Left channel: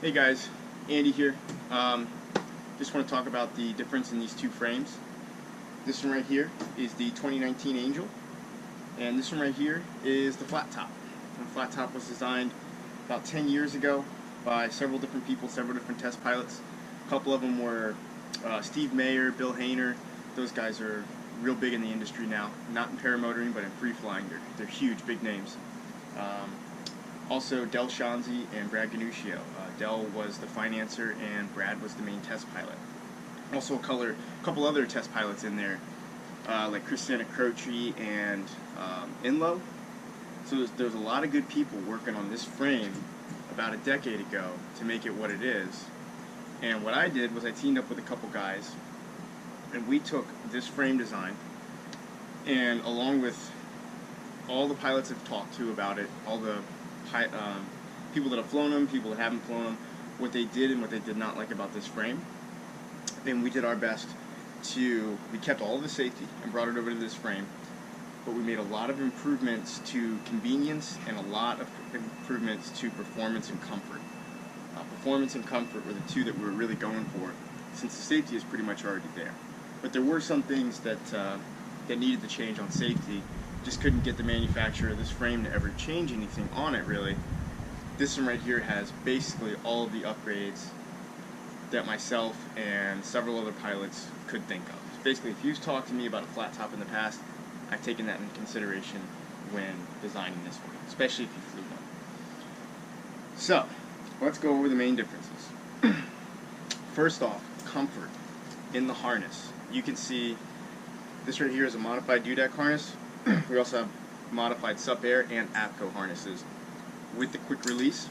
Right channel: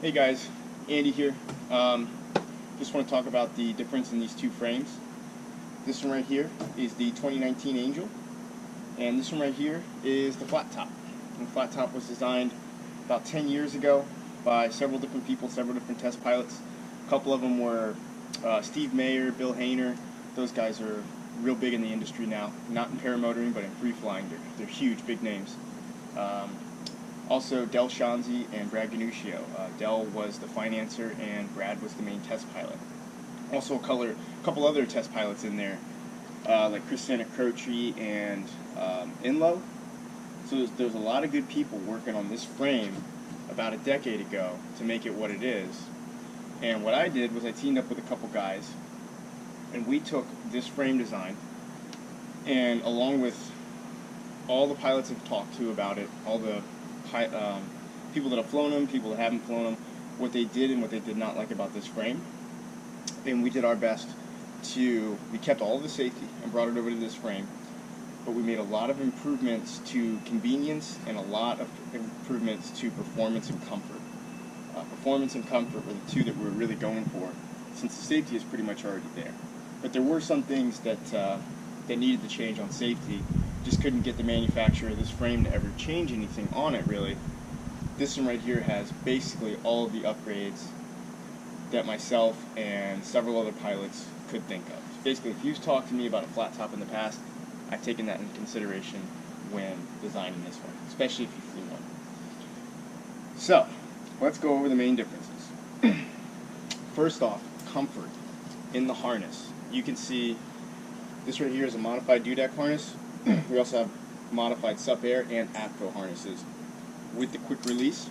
Hey guys, Andy here. Just want to talk about the difference in these two frames. This one right here is the 2019 Angel, and this one right here is the FlatTop. And the FlatTop was designed about 10 years ago by several different people, several different test pilots. A couple of them were Steve Mayer, Bill Hayner. Those guys are real big in the industry now, not in paramotoring, but in free flying. They're huge, big names. Also, Dell Schanze and Brad Ganuscio. Dell was the financer and Brad was the main test pilot. Also a couple other test pilots in there, like Christina Croce and Inlow. So there's a lot of good people working on this frame about a decade ago to make it what it is. And what I did was I teamed up with a couple guys, and we took this frame design, and along with all the pilots I've talked to about it, all the people that have flown them, people that haven't flown them, what they did and what they did not like about this frame. And we did our best we kept all of the safety and brought it over to this frame, but we made a lot of improvements to convenience and a lot of improvements to performance and comfort. Performance and comfort were the two that we were really going for, since the safety is pretty much already there. But there were some things that needed to change on safety. Just couldn't get the manufacturer of this frame to ever change anything on it, really. This one right here has basically all of the upgrades that myself and several other pilots could think of. So basically, if you've talked to me about a flat top in the past, I've taken that into consideration when designing this one, especially if you flew one. So, let's go over the main differences. First off, comfort in the harness. You can see this right here is a modified dewdeck harness. We also have modified SUP Air and APCO harnesses with the quick release.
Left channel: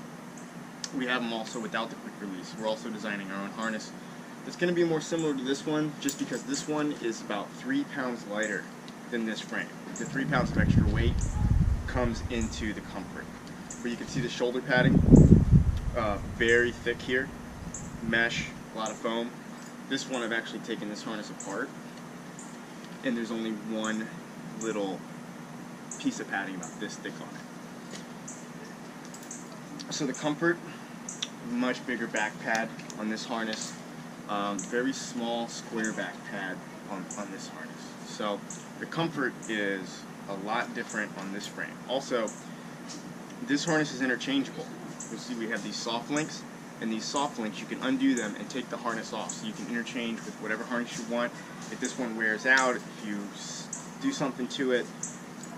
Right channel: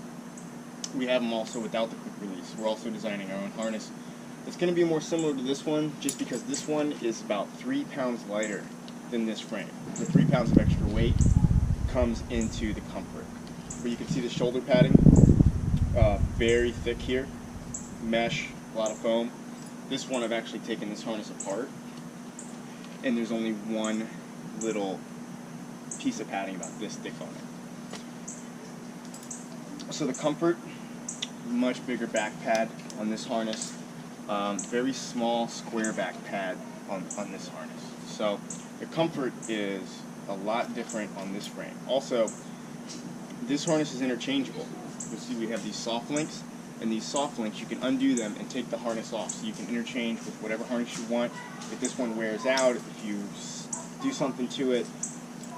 We have them also without the quick release. We're also designing our own harness that's going to be more similar to this one, just because this one is about 3 pounds lighter than this frame. The 3 pounds of extra weight comes into the comfort. But you can see the shoulder padding, very thick here, mesh, a lot of foam. This one I've actually taken this harness apart, and there's only one little piece of padding about this thick on it. So the comfort, much bigger back pad on this harness, very small square back pad on this harness. So the comfort is a lot different on this frame. Also, this harness is interchangeable. You'll see we have these soft links, and these soft links you can undo them and take the harness off, so you can interchange with whatever harness you want. If this one wears out, if you do something to it,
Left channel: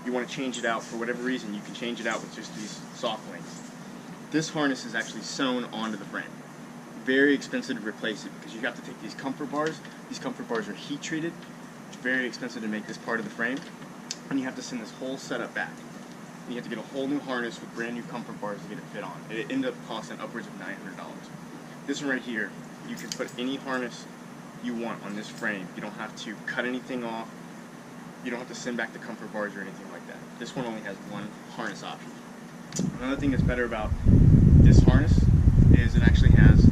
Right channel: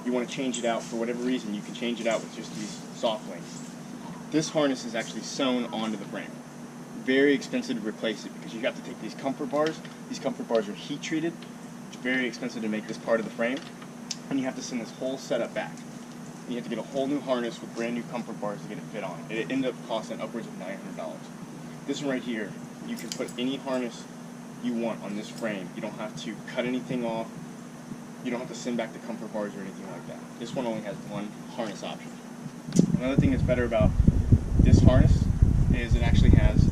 you want to change it out for whatever reason, you can change it out with just these soft links. This harness is actually sewn onto the frame. Very expensive to replace it because you have to take these comfort bars. These comfort bars are heat treated. It's very expensive to make this part of the frame, and you have to send this whole setup back. And you have to get a whole new harness with brand new comfort bars to get it fit on. It ended up costing upwards of $900. This one right here, you can put any harness you want on this frame. You don't have to cut anything off. You don't have to send back the comfort bars or anything like that. This one only has one harness option. Another thing that's better about this harness is it actually has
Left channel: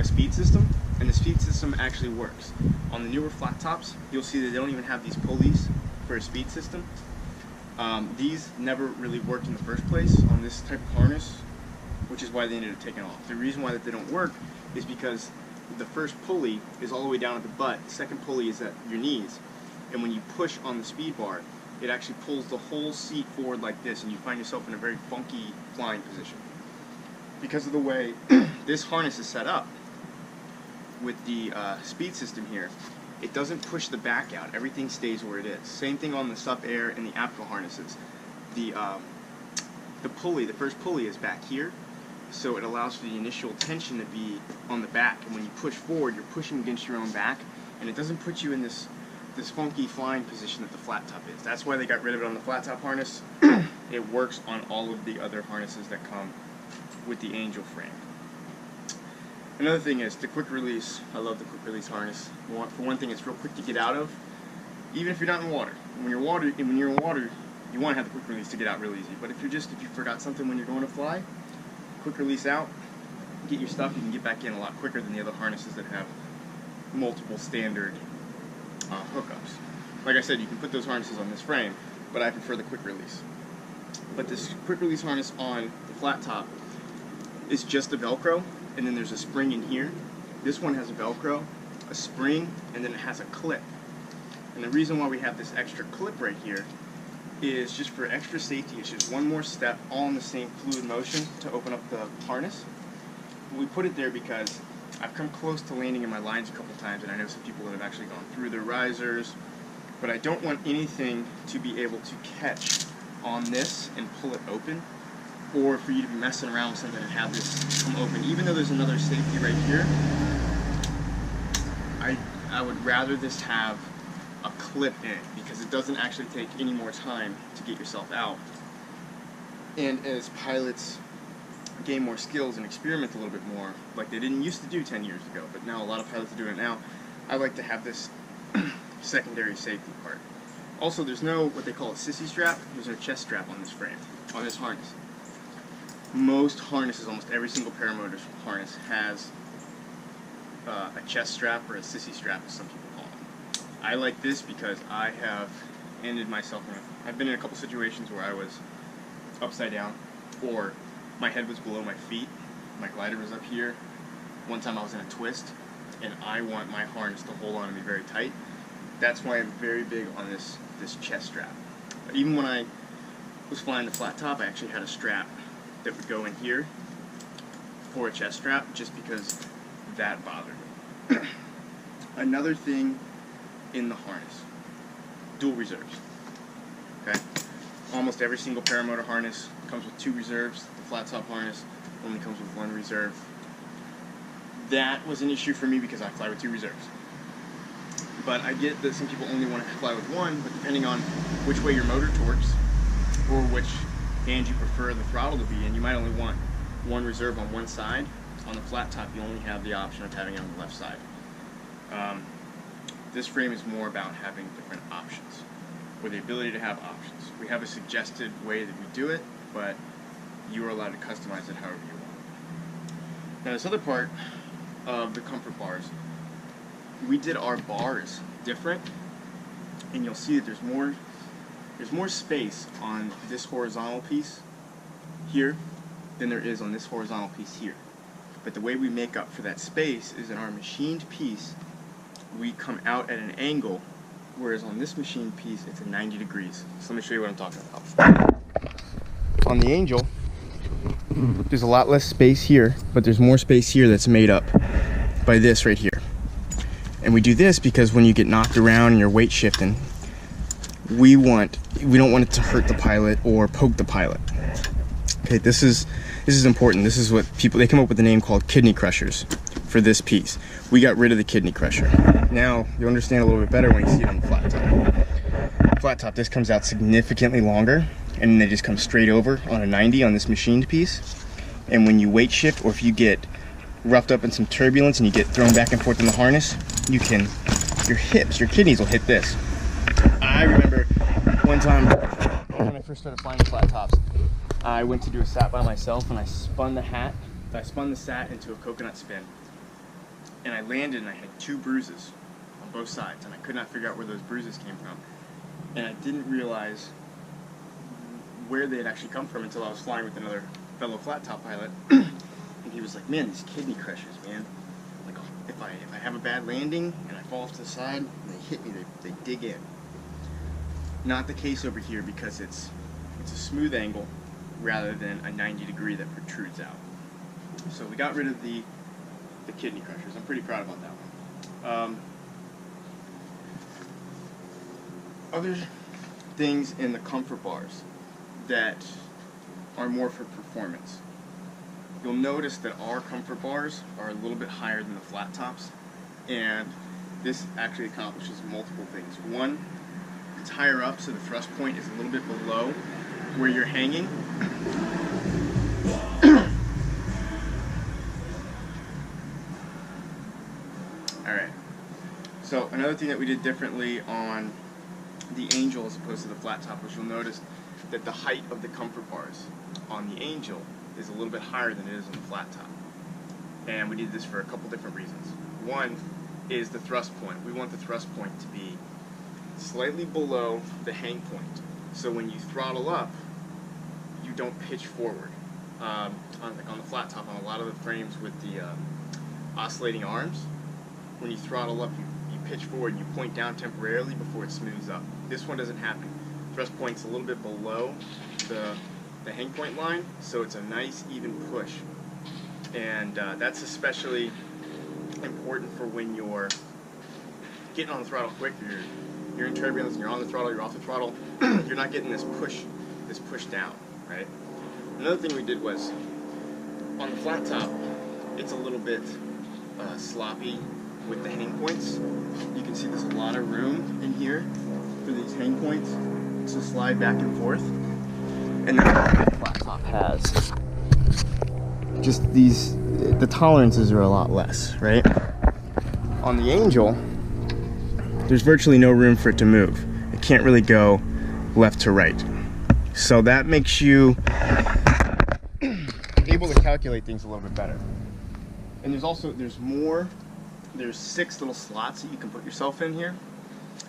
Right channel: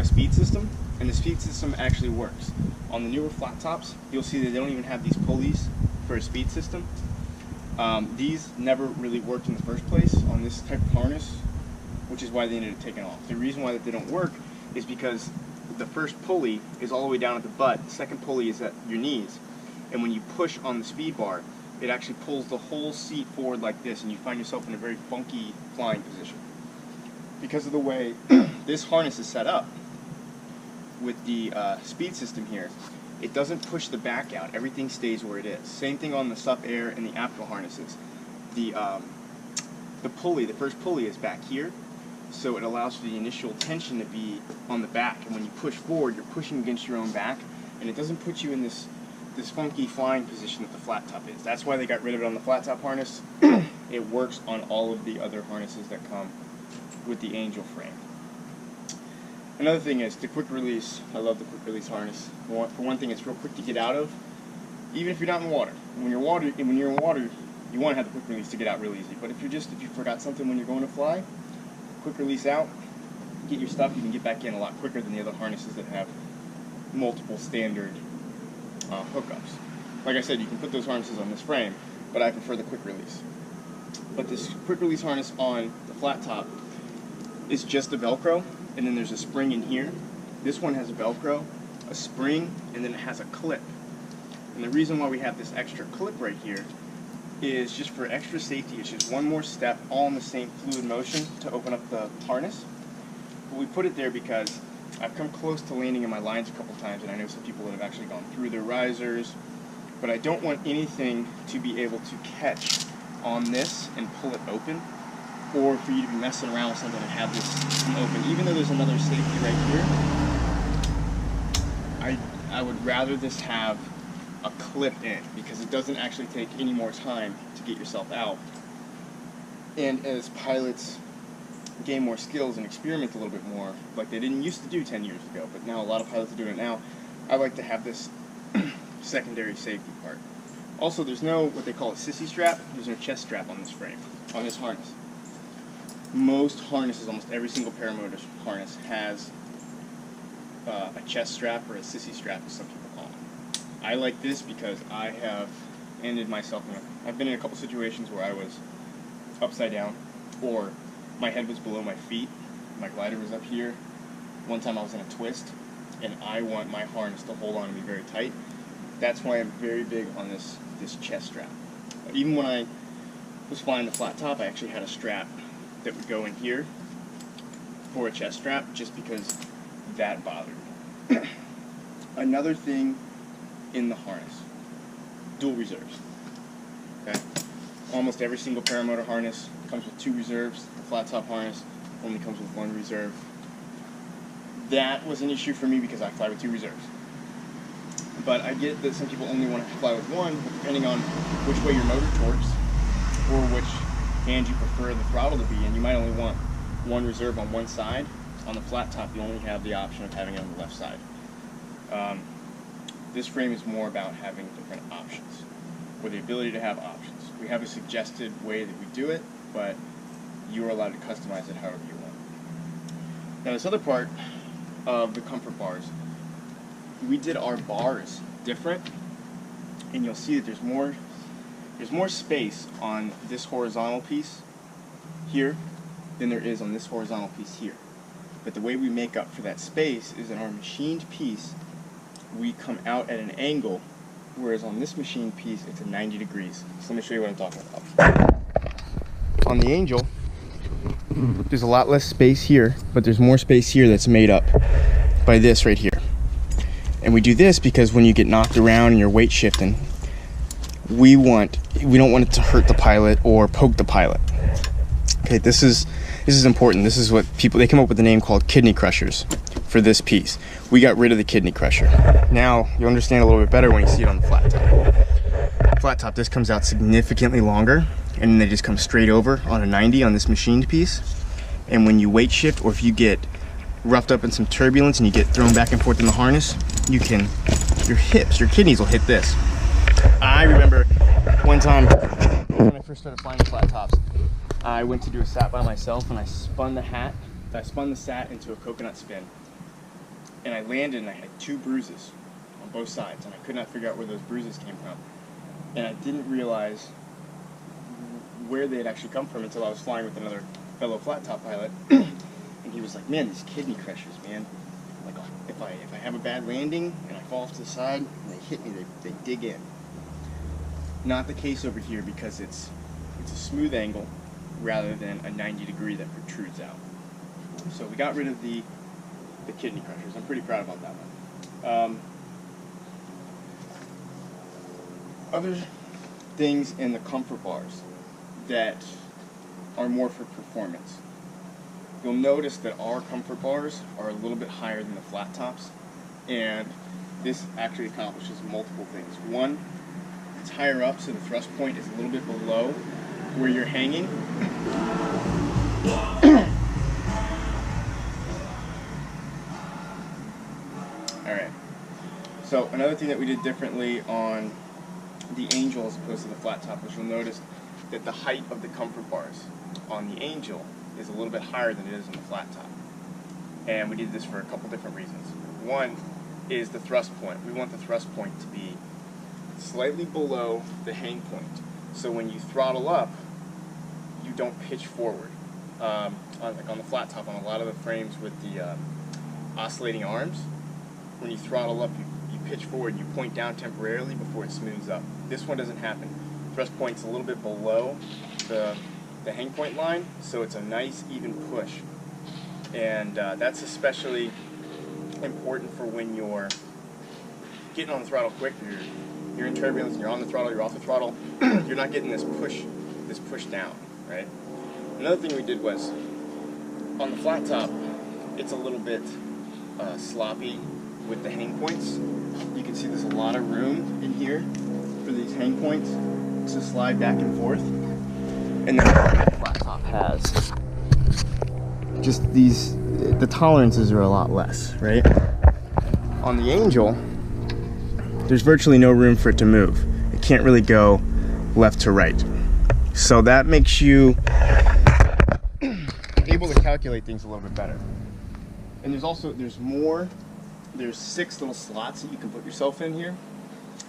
a speed system, and the speed system actually works. On the newer flat tops, you'll see that they don't even have these pulleys for a speed system. These never really worked in the first place on this type of harness, which is why they ended up taking off. The reason why that they don't work is because the first pulley is all the way down at the butt, the second pulley is at your knees, and when you push on the speed bar, it actually pulls the whole seat forward like this, and you find yourself in a very funky flying position. Because of the way this harness is set up with the speed system here, it doesn't push the back out. Everything stays where it is. Same thing on the SUP Air and the APCO harnesses. The pulley, the first pulley is back here, so it allows for the initial tension to be on the back, and when you push forward, you're pushing against your own back, and it doesn't put you in this funky flying position that the flat top is. That's why they got rid of it on the flat top harness. It works on all of the other harnesses that come with the Angel frame. Another thing is the quick release. I love the quick release harness. For one thing, it's real quick to get out of, even if you're not in water. When you're in water, you want to have the quick release to get out real easy. But if you forgot something when you're going to fly, quick release out, get your stuff, you can get back in a lot quicker than the other harnesses that have multiple standard hookups. Like I said, you can put those harnesses on this frame, but I prefer the quick release. But this quick release harness on the flat top is just a Velcro. and then there's a spring in here. This one has a Velcro, a spring, and then it has a clip. And the reason why we have this extra clip right here is just for extra safety. It's just one more step, all in the same fluid motion to open up the harness. But we put it there because I've come close to landing in my lines a couple times, and I know some people that have actually gone through their risers, but I don't want anything to be able to catch on this and pull it open, or for you to be messing around with something and have this come open. Even though there's another safety right here, I would rather this have a clip in it, because it doesn't actually take any more time to get yourself out. And as pilots gain more skills and experiment a little bit more, like they didn't used to do 10 years ago, but now a lot of pilots are doing it now, I like to have this secondary safety part. Also, there's no what they call a sissy strap. There's no chest strap on this frame, on this harness. Most harnesses, almost every single paramotor harness, has a chest strap or a sissy strap, as some people call them. I like this because I have ended myself in I've been in a couple situations where I was upside down, or my head was below my feet, my glider was up here. One time I was in a twist, and I want my harness to hold on to me very tight. That's why I'm very big on this chest strap. Even when I was flying the flat top, I actually had a strap that would go in here for a chest strap, just because that bothered me. Another thing in the harness, dual reserves. Okay, almost every single paramotor harness comes with 2 reserves. The flat top harness only comes with 1 reserve. That was an issue for me because I fly with 2 reserves. But I get that some people only want to fly with 1, but depending on which way your motor torques, or which hand you prefer the throttle to be in, you might only want 1 reserve on one side. On the flat top, you only have the option of having it on the left side. This frame is more about having different options, or the ability to have options. We have a suggested way that we do it, but you are allowed to customize it however you want. Now, this other part of the comfort bars, we did our bars different, and you'll see that there's more space on this horizontal piece here than there is on this horizontal piece here. But the way we make up for that space is in our machined piece, we come out at an angle, whereas on this machined piece, it's at 90 degrees. So let me show you what I'm talking about. On the Angel, there's a lot less space here, but there's more space here that's made up by this right here. And we do this because when you get knocked around and you're weight shifting, we don't want it to hurt the pilot or poke the pilot. Okay, this is important. This is what they come up with a name called kidney crushers for this piece. We got rid of the kidney crusher. Now you'll understand a little bit better when you see it on the flat top. Flat top, this comes out significantly longer, and then they just come straight over on a 90 on this machined piece. And when you weight shift, or if you get roughed up in some turbulence and you get thrown back and forth in the harness, your hips, your kidneys will hit this. I remember one time when I first started flying the flat tops, I went to do a sat by myself, and I spun the sat into a coconut spin, and I landed and I had 2 bruises on both sides, and I could not figure out where those bruises came from, and I didn't realize where they had actually come from until I was flying with another fellow flat top pilot, and he was like, "Man, these kidney crushers, man, like if I have a bad landing and I fall off to the side and they hit me, they dig in." Not the case over here, because it's a smooth angle rather than a 90 degree that protrudes out. So we got rid of the kidney crushers. I'm pretty proud about that one. Other things in the comfort bars that are more for performance. You'll notice that our comfort bars are a little bit higher than the flat tops, and this actually accomplishes multiple things. One, it's higher up, so the thrust point is a little bit below where you're hanging. Alright, so another thing that we did differently on the Angel as opposed to the flat top was, you'll notice that the height of the comfort bars on the Angel is a little bit higher than it is on the flat top. And we did this for a couple different reasons. One is the thrust point. We want the thrust point to be slightly below the hang point, so when you throttle up, you don't pitch forward. like on the flat top, on a lot of the frames with the oscillating arms, when you throttle up, you pitch forward and you point down temporarily before it smooths up. This one doesn't happen. Thrust point's a little bit below the hang point line, so it's a nice even push. And that's especially important for when you're getting on the throttle quick. You're in turbulence and you're on the throttle, you're off the throttle. You're not getting this push down, right? Another thing we did was, on the flat top, it's a little bit sloppy with the hang points. You can see there's a lot of room in here for these hang points to slide back and forth. And then the flat top has just the tolerances are a lot less, right? On the Angel, there's virtually no room for it to move. It can't really go left to right. So that makes you able to calculate things a little bit better. And there's 6 little slots that you can put yourself in here.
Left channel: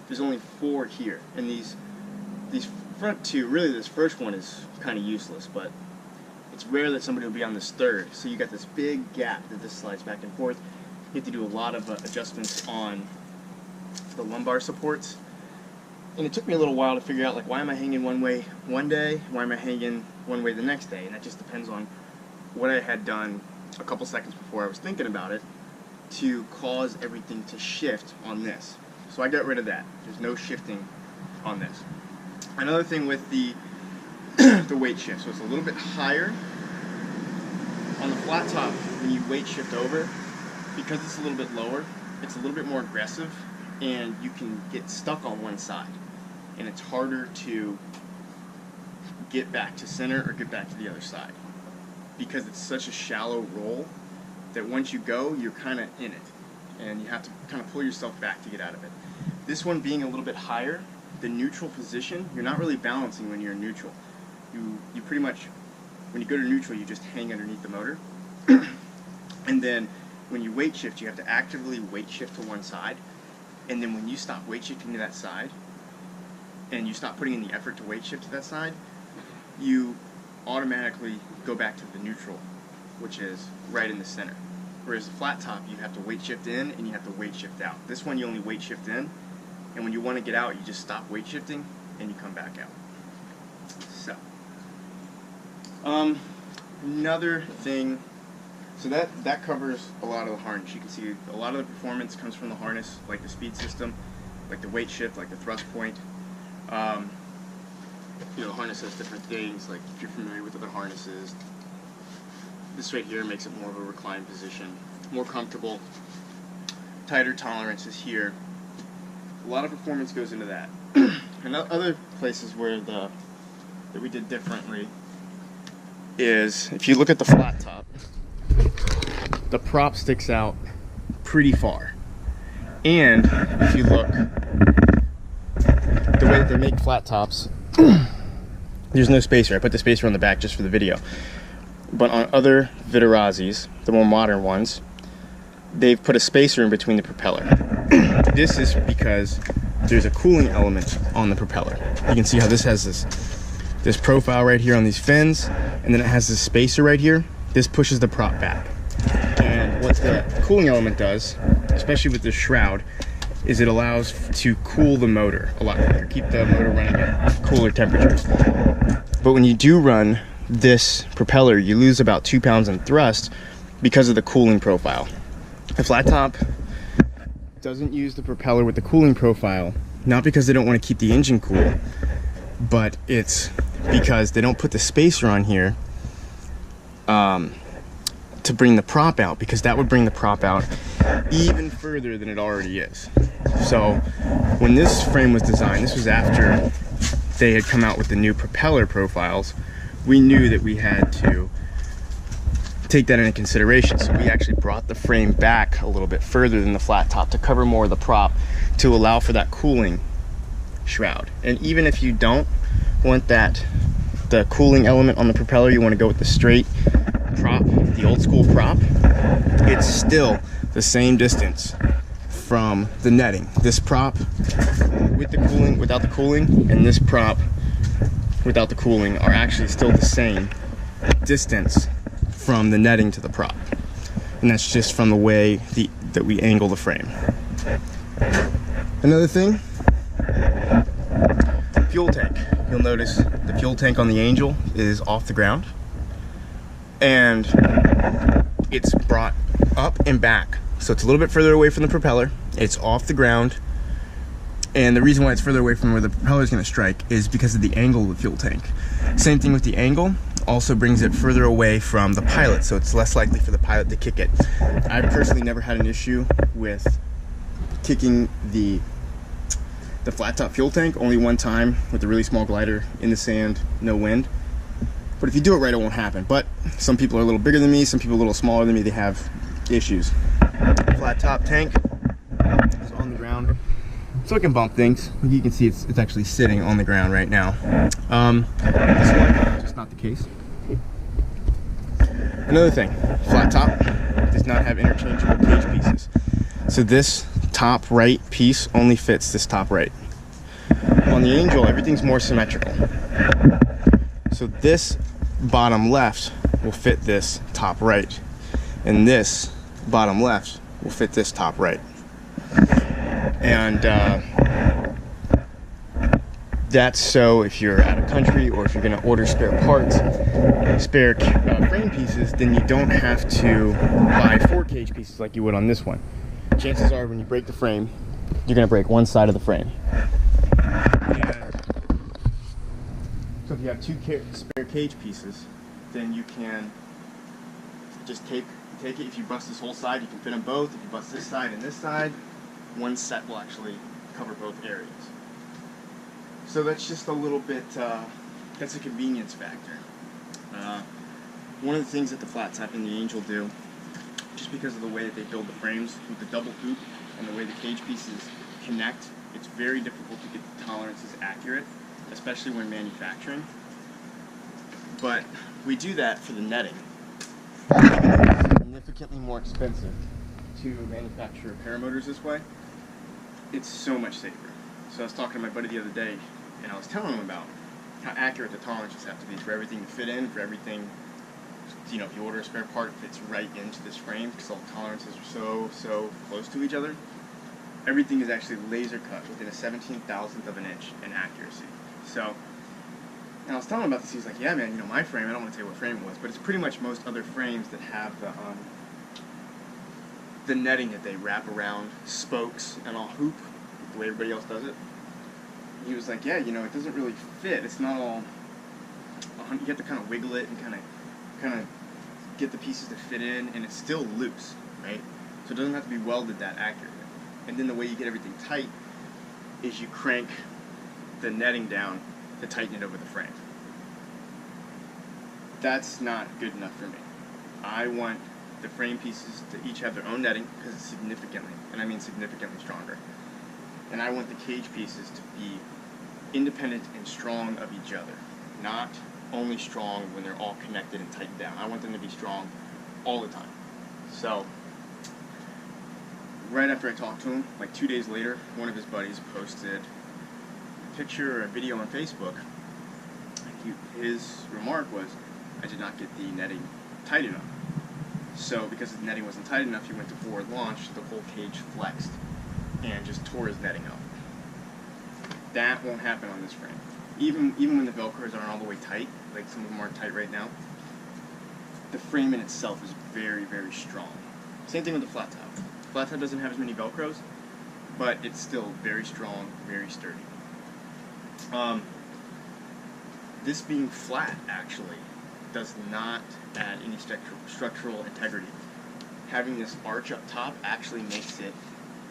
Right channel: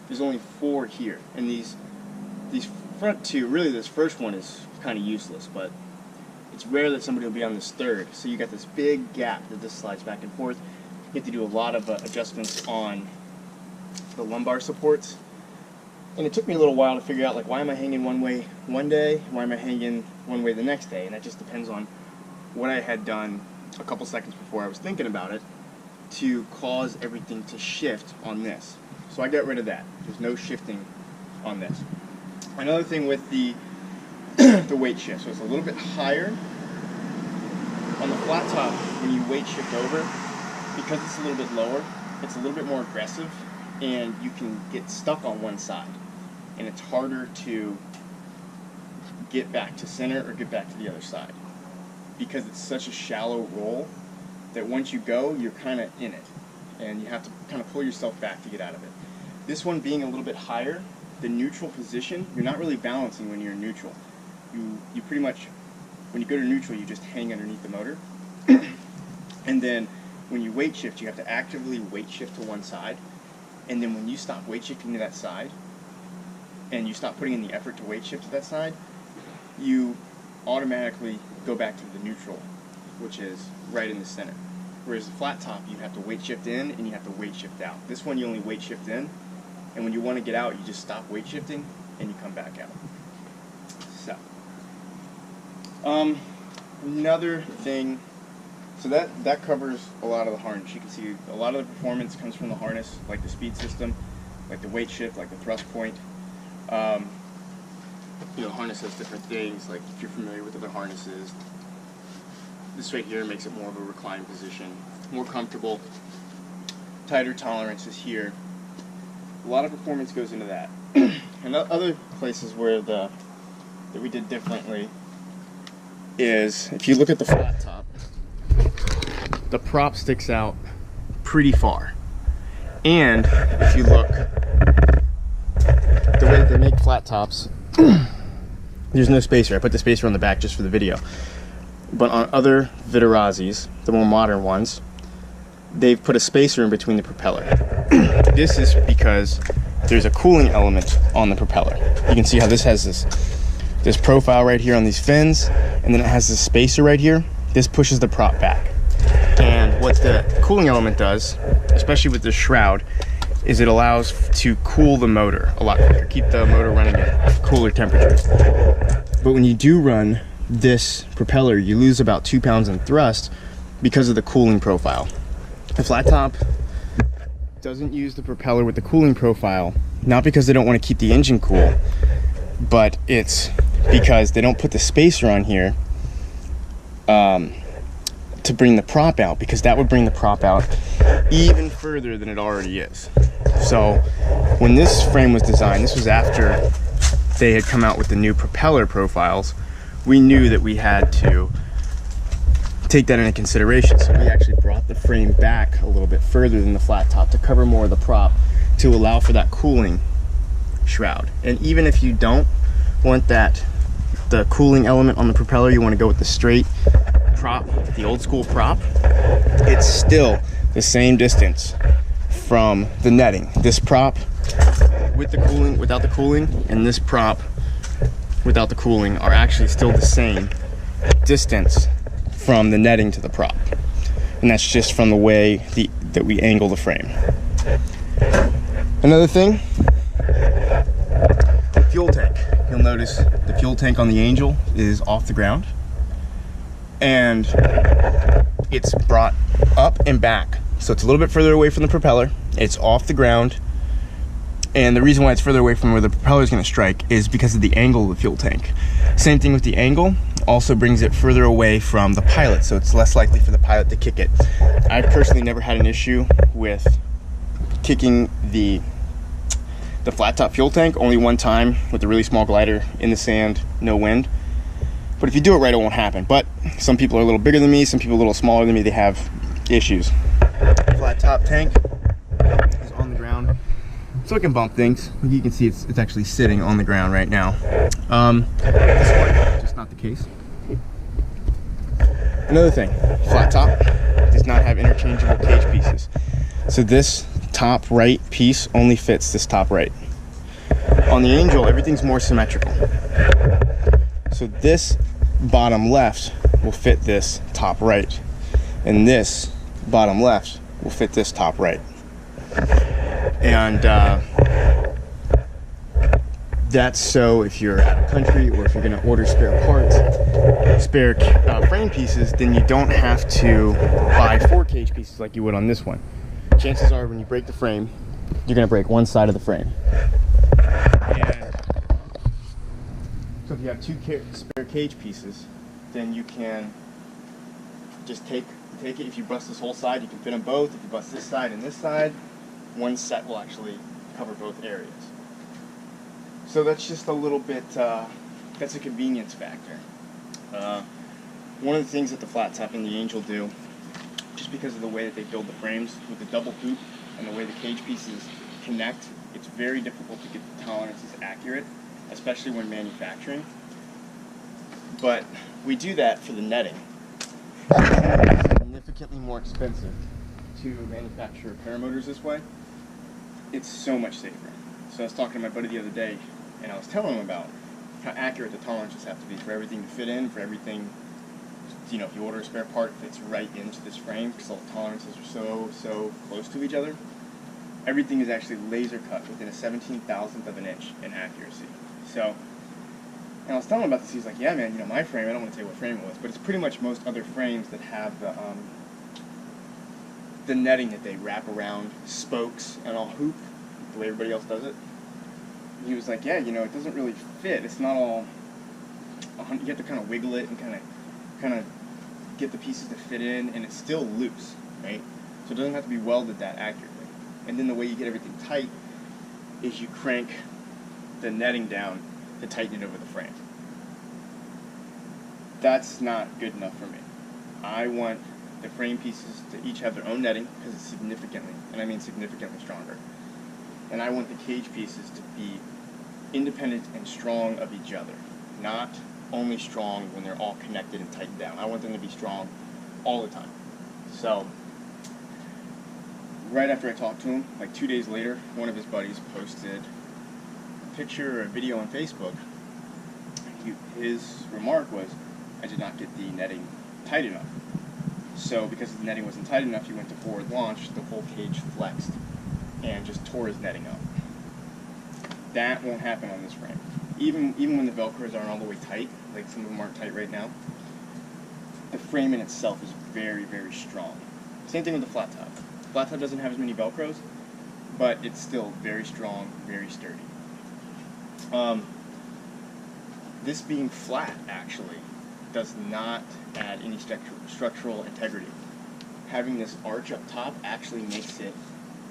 There's only 4 here. And these front 2, really this first one is kind of useless, but it's rare that somebody will be on this third. So you got this big gap that this slides back and forth. You have to do a lot of adjustments on the lumbar supports. And it took me a little while to figure out, like, why am I hanging one way one day? Why am I hanging one way the next day? And that just depends on what I had done a couple seconds before I was thinking about it to cause everything to shift on this. So I got rid of that. There's no shifting on this. Another thing with the weight shift, so it's a little bit higher. On the flat top, when you weight shift over, because it's a little bit lower, it's a little bit more aggressive, and you can get stuck on one side. And it's harder to get back to center or get back to the other side, because it's such a shallow roll that once you go, you're kind of in it, and you have to kind of pull yourself back to get out of it. This one being a little bit higher, the neutral position, you're not really balancing when you're in neutral. You pretty much, when you go to neutral, you just hang underneath the motor. And then when you weight shift, you have to actively weight shift to one side. And then when you stop weight shifting to that side, and you stop putting in the effort to weight shift to that side, you automatically go back to the neutral, which is right in the center. Whereas the flat top, you have to weight shift in and you have to weight shift out. This one, you only weight shift in, and when you want to get out, you just stop weight shifting and you come back out. So, another thing, so that covers a lot of the harness. You can see a lot of the performance comes from the harness, like the speed system, like the weight shift, like the thrust point. You know, the harness has different things, like if you're familiar with other harnesses, this right here makes it more of a reclined position, more comfortable, tighter tolerances here. A lot of performance goes into that. And other places where that we did differently is, if you look at the flat top, the prop sticks out pretty far. And if you look, the way that they make flat tops, there's no spacer. I put the spacer on the back just for the video. But on other Viterazis, the more modern ones, they've put a spacer in between the propeller. This is because there's a cooling element on the propeller. You can see how this has this profile right here on these fins, and then it has this spacer right here. This pushes the prop back. And what the cooling element does, especially with this shroud, is it allows to cool the motor a lot quicker, keep the motor running at cooler temperatures. But when you do run this propeller, you lose about 2 pounds in thrust because of the cooling profile. A flat top doesn't use the propeller with the cooling profile, not because they don't want to keep the engine cool, but it's because they don't put the spacer on here to bring the prop out, because that would bring the prop out even further than it already is. So when this frame was designed, this was after they had come out with the new propeller profiles, we knew that we had to take that into consideration. So we actually brought the frame back a little bit further than the flat top to cover more of the prop, to allow for that cooling shroud. And even if you don't want the cooling element on the propeller, you want to go with the straight prop, the old school prop, it's still the same distance from the netting. This prop with the cooling, without the cooling, and this prop without the cooling are actually still the same distance from the netting to the prop, and that's just from the way that we angle the frame. Another thing, fuel tank. You'll notice the fuel tank on the Angel is off the ground, and it's brought up and back, so it's a little bit further away from the propeller. It's off the ground, and the reason why it's further away from where the propeller is going to strike is because of the angle of the fuel tank. Same thing with the angle, also brings it further away from the pilot, so it's less likely for the pilot to kick it. I've personally never had an issue with kicking the FlatTop fuel tank, only one time with a really small glider in the sand, no wind. But if you do it right, it won't happen. But some people are a little bigger than me, some people a little smaller than me, they have issues. FlatTop tank is on the ground, so it can bump things. You can see it's actually sitting on the ground right now. This one, just not the case. Another thing, FlatTop does not have interchangeable cage pieces. So this top right piece only fits this top right. On the Angel, everything's more symmetrical. So this bottom left will fit this top right, and this bottom left will fit this top right. And that's so if you're out of country, or if you're going to order spare parts, spare frame pieces, then you don't have to buy 4 cage pieces like you would on this one. Chances are when you break the frame, you're going to break one side of the frame. And so if you have 2 spare cage pieces, then you can just take it. If you bust this whole side, you can fit them both. If you bust this side and this side, one set will actually cover both areas. So that's just a little bit, that's a convenience factor. One of the things that the FlatTop and the Angel do, just because of the way that they build the frames with the double hoop and the way the cage pieces connect, it's very difficult to get the tolerances accurate, especially when manufacturing. But we do that for the netting. Even though it's significantly more expensive to manufacture paramotors this way, it's so much safer. So I was talking to my buddy the other day, and I was telling him about how accurate the tolerances have to be for everything to fit in, for everything, you know, if you order a spare part, it fits right into this frame because all the tolerances are so close to each other. Everything is actually laser cut within a 17,000th of an inch in accuracy. So, and I was telling him about this, he's like, yeah man, you know, my frame, I don't want to tell you what frame it was, but it's pretty much most other frames that have the netting that they wrap around spokes and all hoop, the way everybody else does it. He was like, yeah, you know, it doesn't really fit. It's not all, you have to kind of wiggle it and kind of get the pieces to fit in, and it's still loose, right? So it doesn't have to be welded that accurately. And then the way you get everything tight is you crank the netting down to tighten it over the frame. That's not good enough for me. I want the frame pieces to each have their own netting because it's significantly, and I mean significantly stronger. And I want the cage pieces to be independent and strong of each other, not only strong when they're all connected and tightened down. I want them to be strong all the time. So, right after I talked to him, like 2 days later, one of his buddies posted a picture or a video on Facebook. His remark was, I did not get the netting tight enough. So, because the netting wasn't tight enough, he went to forward launch, the whole cage flexed and just tore his netting up. That won't happen on this frame. Even when the Velcros aren't all the way tight, like some of them aren't tight right now, the frame in itself is very, very strong. Same thing with the FlatTop. FlatTop doesn't have as many Velcros, but it's still very strong, very sturdy. This being flat, actually, does not add any structural integrity. Having this arch up top actually makes it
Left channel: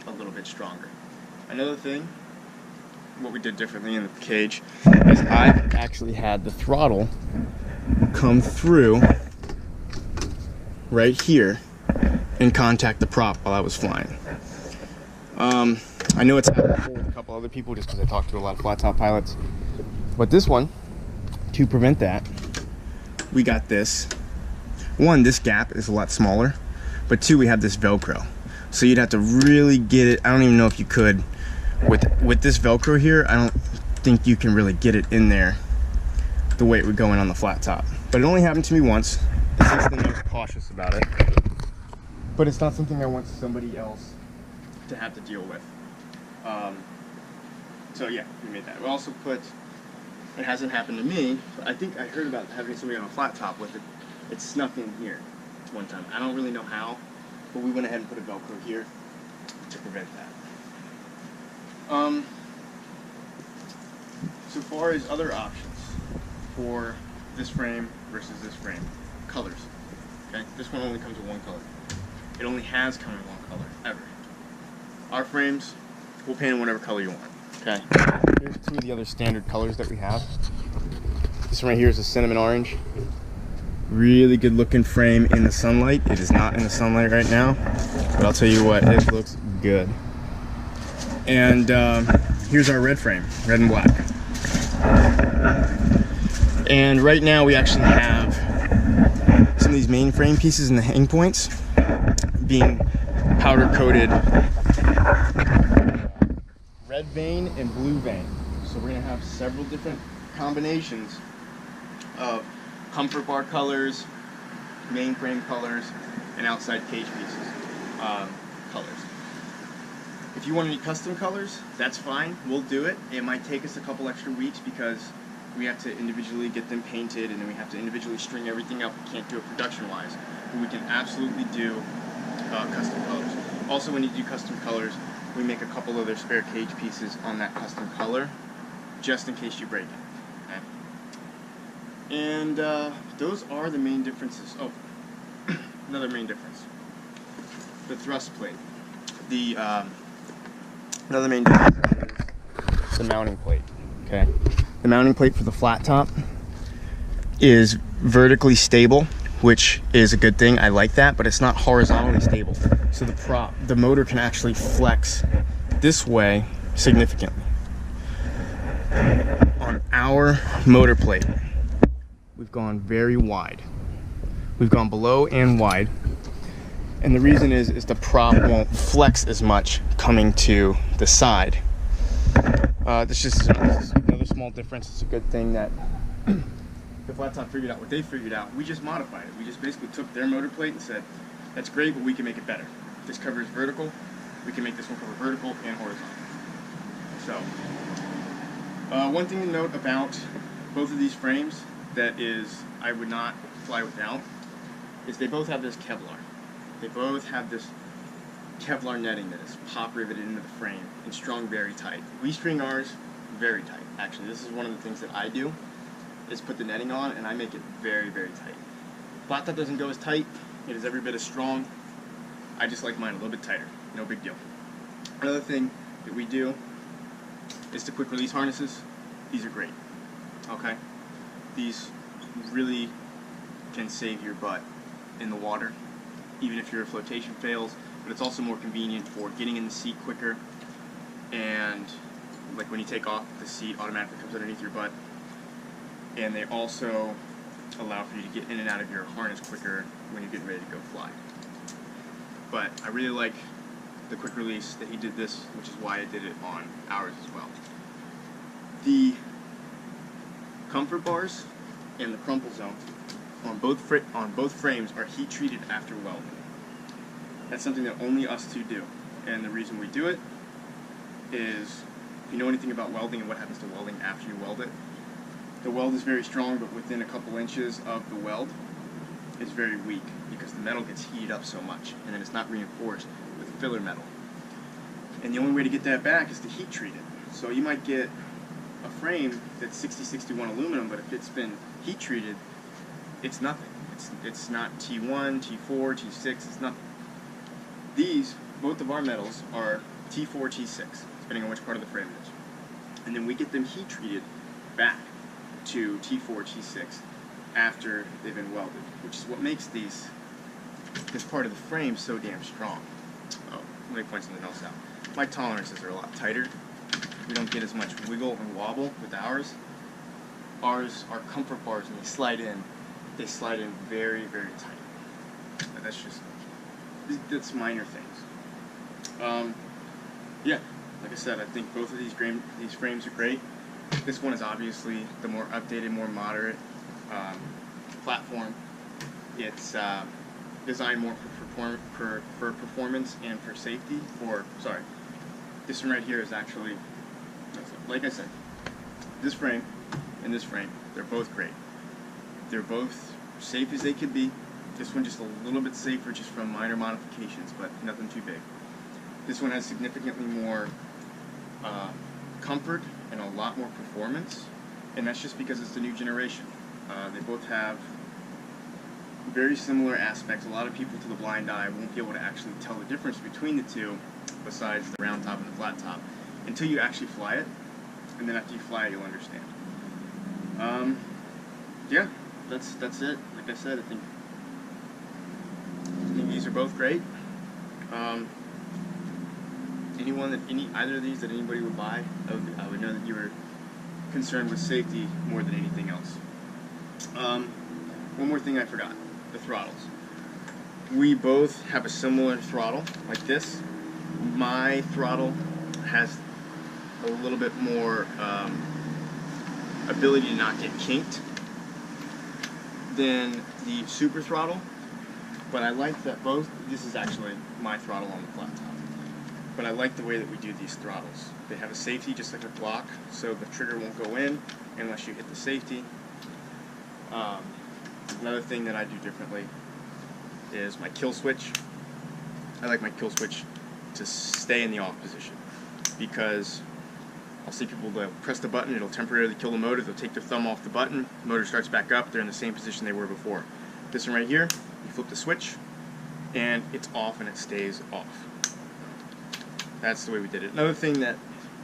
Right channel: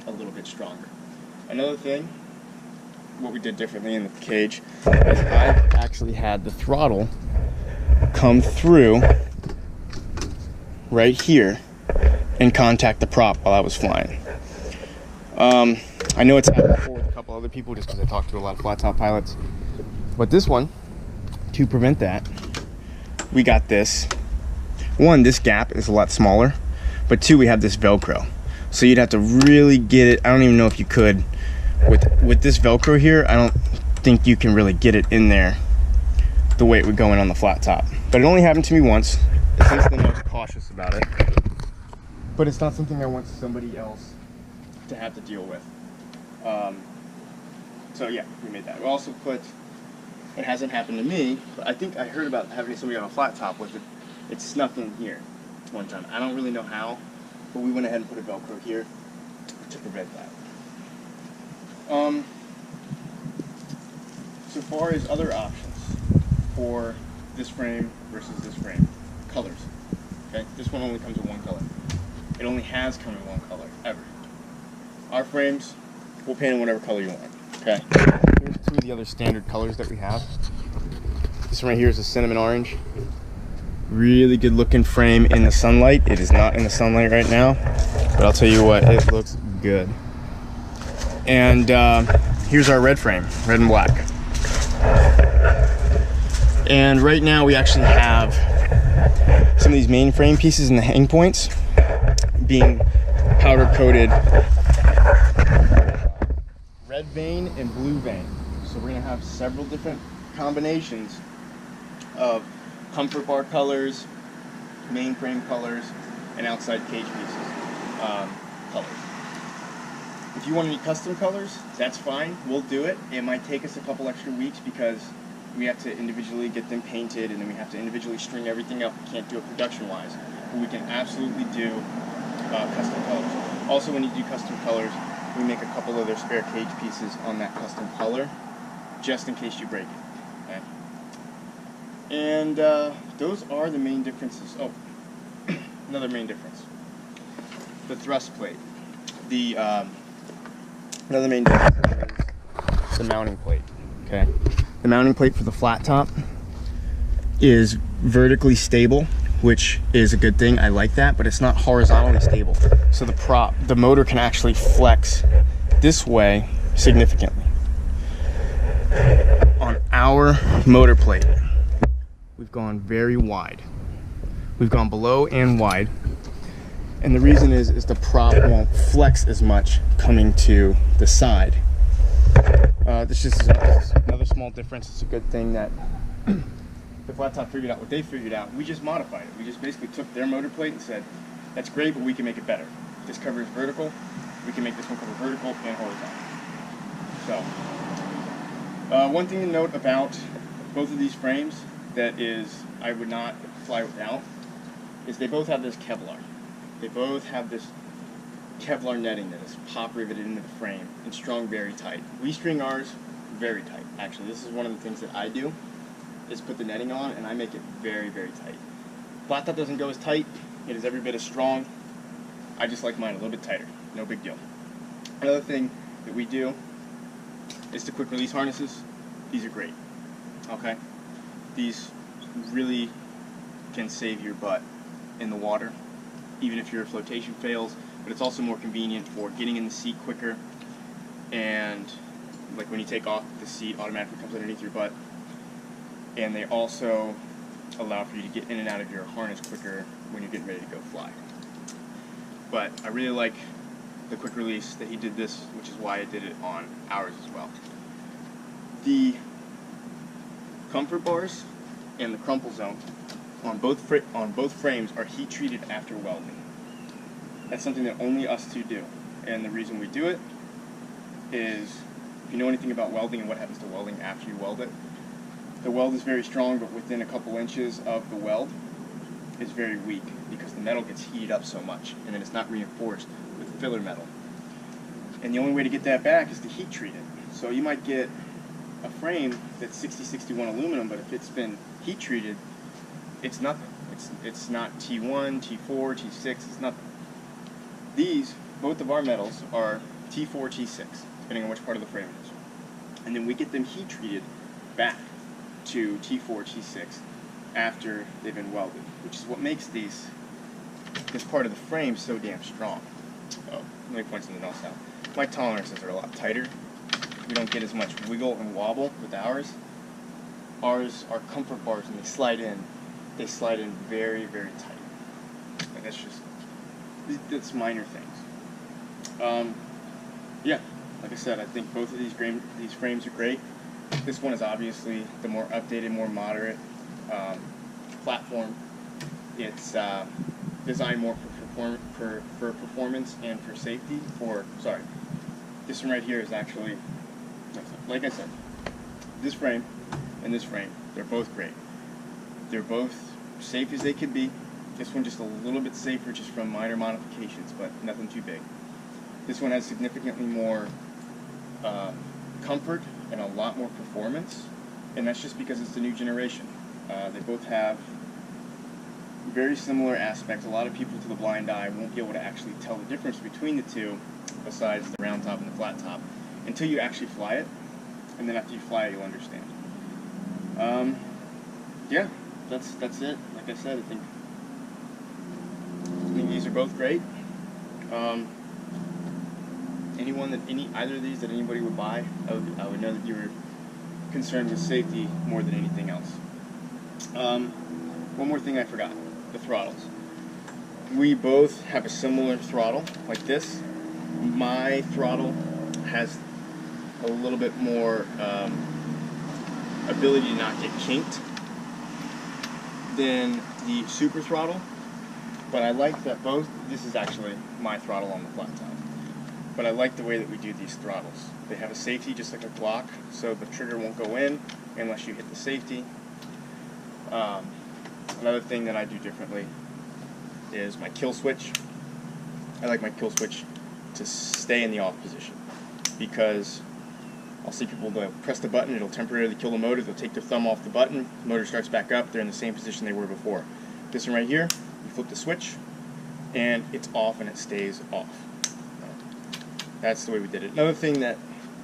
a little bit stronger. Another thing, what we did differently in the cage is I actually had the throttle come through right here and contact the prop while I was flying. I know it's happened before with a couple other people just because I talked to a lot of FlatTop pilots, but this one, to prevent that, we got this. One, this gap is a lot smaller, but two, we have this Velcro. So you'd have to really get it. I don't even know if you could. With this Velcro here, I don't think you can really get it in there the way it would go in on the flat top. But it only happened to me once. Since then I was cautious about it. But it's not something I want somebody else to have to deal with. So yeah, we made that. We also put, it hasn't happened to me, but I think I heard about having somebody on a flat top with it. It snuck in here one time. I don't really know how, but we went ahead and put a Velcro here to prevent that. So far as other options for this frame versus this frame, colors. Okay, this one only comes with one color. It only has come in one color ever. Our frames, we'll paint in whatever color you want. Okay. Here's two of the other standard colors that we have. This one right here is a cinnamon orange. Really good looking frame in the sunlight. It is not in the sunlight right now, but I'll tell you what, it looks good. And here's our red frame, red and black. And right now we actually have some of these main frame pieces and the hang points being powder coated red vein and blue vein. So we're gonna have several different combinations of comfort bar colors, main frame colors, and outside cage pieces colors. If you want any custom colors, that's fine, we'll do it. It might take us a couple extra weeks because we have to individually get them painted and then we have to individually string everything up. We can't do it production-wise, but we can absolutely do custom colors. Also, when you do custom colors, we make a couple other spare cage pieces on that custom color, just in case you break it. Okay? And those are the main differences. Oh, another main difference: the thrust plate. Another main difference is the mounting plate. Okay, the mounting plate for the flat top is vertically stable, which is a good thing. I like that, but it's not horizontally stable. So the motor can actually flex this way significantly. On our motor plate, we've gone very wide. We've gone below and wide. And the reason is the prop won't flex as much coming to the side. This is another small difference. It's a good thing that the flat top figured out what they figured out. We just modified it. We just basically took their motor plate and said, that's great, but we can make it better. This cover is vertical. We can make this one cover vertical and horizontal. So, one thing to note about both of these frames that is I would not fly without is they both have this Kevlar. They both have this Kevlar netting that is pop riveted into the frame and strung very tight. We string ours very tight. Actually, this is one of the things that I do, is put the netting on and I make it very, very tight. Flat top doesn't go as tight. It is every bit as strong. I just like mine a little bit tighter. No big deal. Another thing that we do is the quick release harnesses. These are great. Okay? These really can save your butt in the water, even if your flotation fails, but it's also more convenient for getting in the seat quicker, and like when you take off, the seat automatically comes underneath your butt, and they also allow for you to get in and out of your harness quicker when you're getting ready to go fly. But I really like the quick release that he did this, which is why I did it on ours as well. The comfort bars and the crumple zone on both frames are heat treated after welding. That's something that only us two do, and the reason we do it is, if you know anything about welding and what happens to welding after you weld it, the weld is very strong, but within a couple inches of the weld is very weak because the metal gets heated up so much, and then it's not reinforced with filler metal. And the only way to get that back is to heat treat it. So you might get a frame that's 6061 aluminum, but if it's been heat treated, it's nothing. It's not T1, T4, T6, it's nothing. These, both of our metals, are T4, T6, depending on which part of the frame it is. And then we get them heat treated back to T4, T6 after they've been welded, which is what makes this part of the frame so damn strong. Oh, let me point something else out. My tolerances are a lot tighter. We don't get as much wiggle and wobble with ours. Ours are comfort bars, and they slide in very, very tight. And that's minor things. Yeah, like I said, I think both of these frames are great. This one is obviously the more updated, more moderate platform. It's designed more for performance and for safety. This one right here is actually, like I said, this frame and this frame, they're both great. They're both safe as they could be. This one just a little bit safer just from minor modifications, but nothing too big. This one has significantly more comfort and a lot more performance, and that's just because it's the new generation. They both have very similar aspects. A lot of people to the blind eye won't be able to actually tell the difference between the two, besides the round top and the flat top, until you actually fly it, and then after you fly it, you'll understand. Yeah, that's it. Like I said, I think these are both great. Either of these that anybody would buy, I would know that you were concerned with safety more than anything else. One more thing I forgot, the throttles. We both have a similar throttle, like this. My throttle has a little bit more ability to not get kinked than the super throttle, but I like that this is actually my throttle on the flat top. But I like the way that we do these throttles. They have a safety just like a Glock, so the trigger won't go in unless you hit the safety. Another thing that I do differently is my kill switch. I like my kill switch to stay in the off position, because I'll see people, they'll press the button, it'll temporarily kill the motor, they'll take their thumb off the button, the motor starts back up, they're in the same position they were before. This one right here, you flip the switch, and it's off and it stays off. That's the way we did it. Another thing that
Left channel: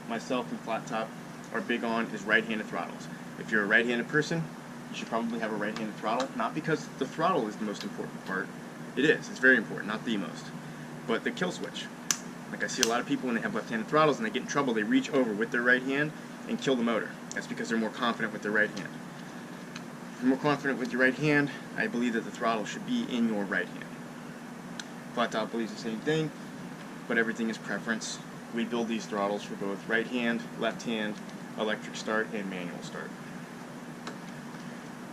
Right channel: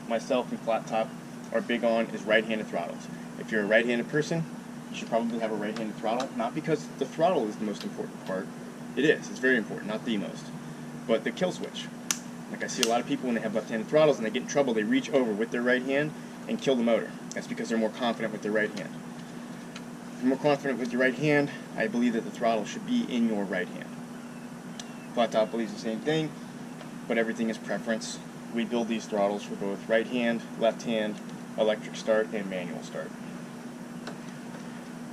myself and FlatTop are big on is right-handed throttles. If you're a right-handed person, you should probably have a right-handed throttle, not because the throttle is the most important part. It is, it's very important, not the most. But the kill switch. Like I see a lot of people when they have left-handed throttles and they get in trouble, they reach over with their right hand and kill the motor. That's because they're more confident with their right hand. If you're more confident with your right hand, I believe that the throttle should be in your right hand. FlatTop believes the same thing, but everything is preference. We build these throttles for both right hand, left hand, electric start, and manual start.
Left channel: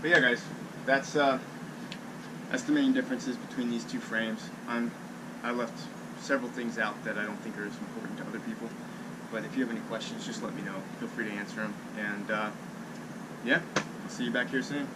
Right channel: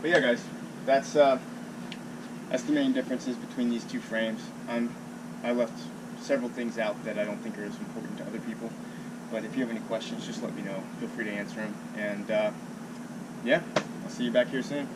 But yeah, guys, that's the main differences between these two frames. I left several things out that I don't think are as important to other people, but if you have any questions, just let me know. Feel free to answer them. And yeah, I'll see you back here soon.